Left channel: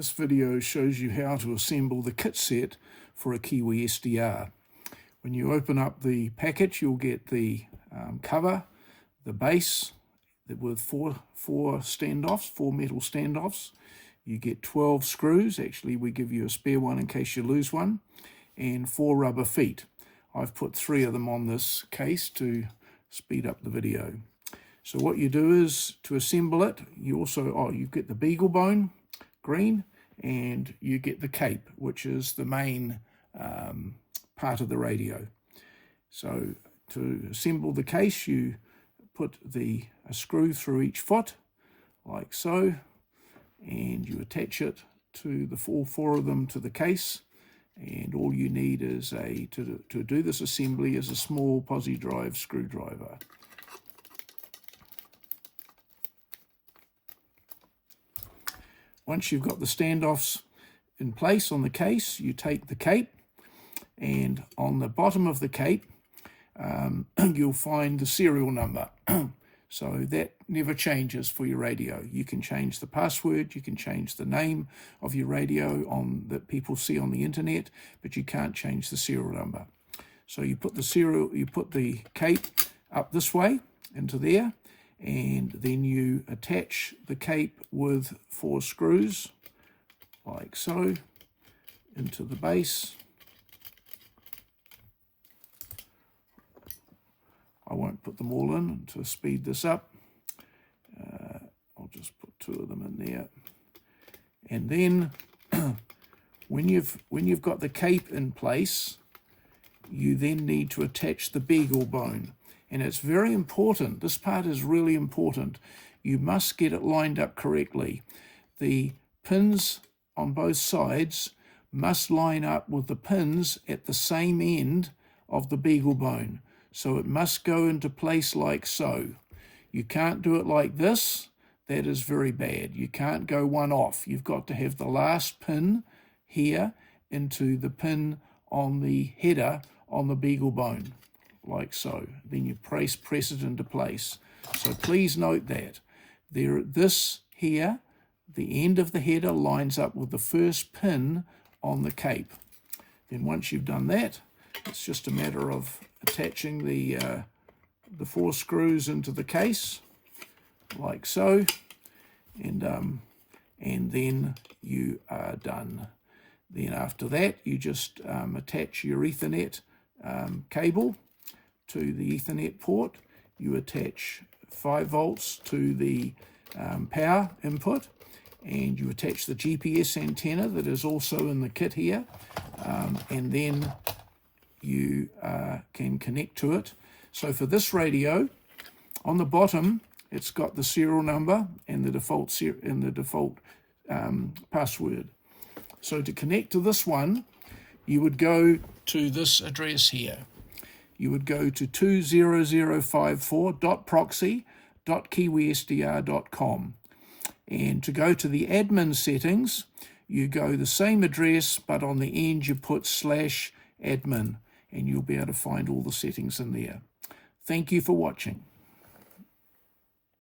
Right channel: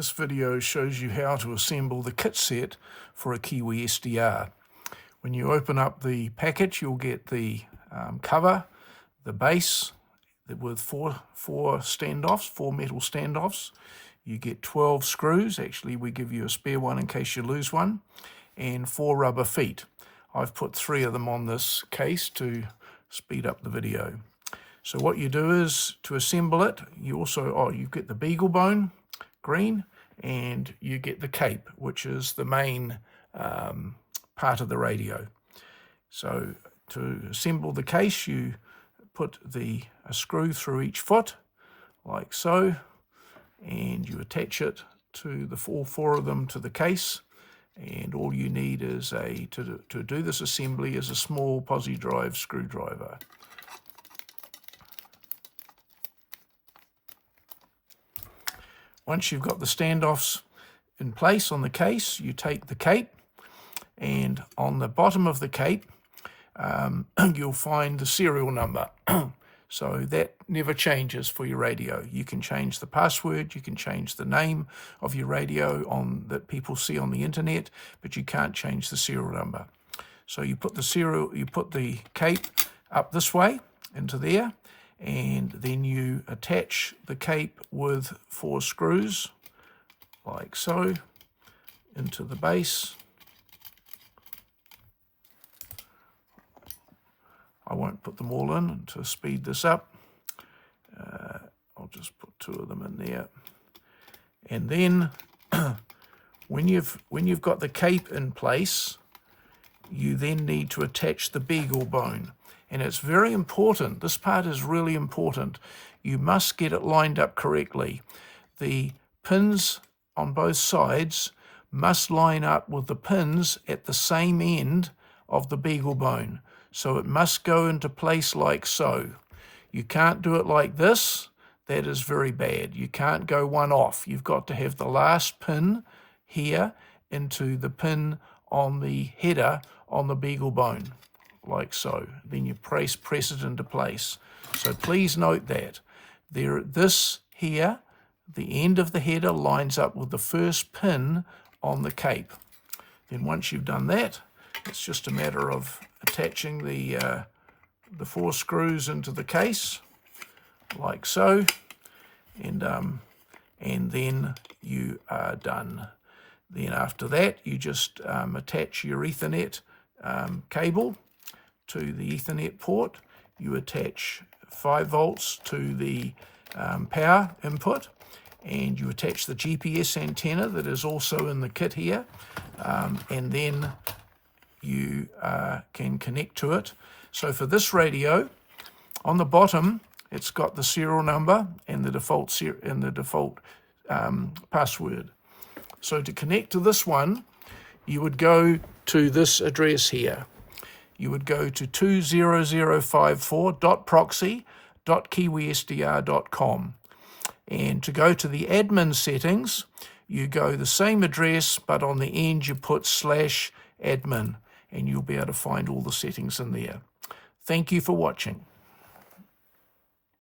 This video shows you how to assemble the kit set for a Kiwisdr. When you open up the package, you'll get the cover, the base with four standoffs, 4 metal standoffs. You get 12 screws. Actually, we give you a spare one in case you lose one, and 4 rubber feet. I've put 3 of them on this case to speed up the video. So what you do is, to assemble it, you also, you get the beagle bone, green, and you get the cape, which is the main part of the radio. So to assemble the case, you put a screw through each foot, like so, and you attach it to all 4 of them to the case. And all you need is to do this assembly is a small posi drive screwdriver. Once you've got the standoffs in place on the case, you take the cape, and on the bottom of the cape you'll find the serial number. So that never changes for your radio. You can change the password, you can change the name of your radio that people see on the internet, but you can't change the serial number. So you put the cape up this way into there, and then you attach the cape with 4 screws, like so, into the base. I won't put them all in to speed this up. I'll just put 2 of them in there. And then when you've got the cape in place, you then need to attach the beagle bone. And it's very important. This part is really important. You must get it lined up correctly. The pins on both sides must line up with the pins at the same end of the beagle bone. So it must go into place like so. You can't do it like this. That is very bad. You can't go one off. You've got to have the last pin here into the pin on the header on the beagle bone, like so. Then you press it into place. So please note that this here, the end of the header, lines up with the first pin on the cape. And once you've done that, it's just a matter of attaching the 4 screws into the case, like so, and then you are done. Then after that, you just attach your Ethernet cable to the Ethernet port. You attach 5 volts to the power input, and you attach the GPS antenna that is also in the kit here, and then you can connect to it. So for this radio, on the bottom, it's got the serial number and the default password. So to connect to this one, you would go to this address here. You would go to 20054.proxy.kiwisdr.com. And to go to the admin settings, you go the same address, but on the end you put /admin, and you'll be able to find all the settings in there. Thank you for watching.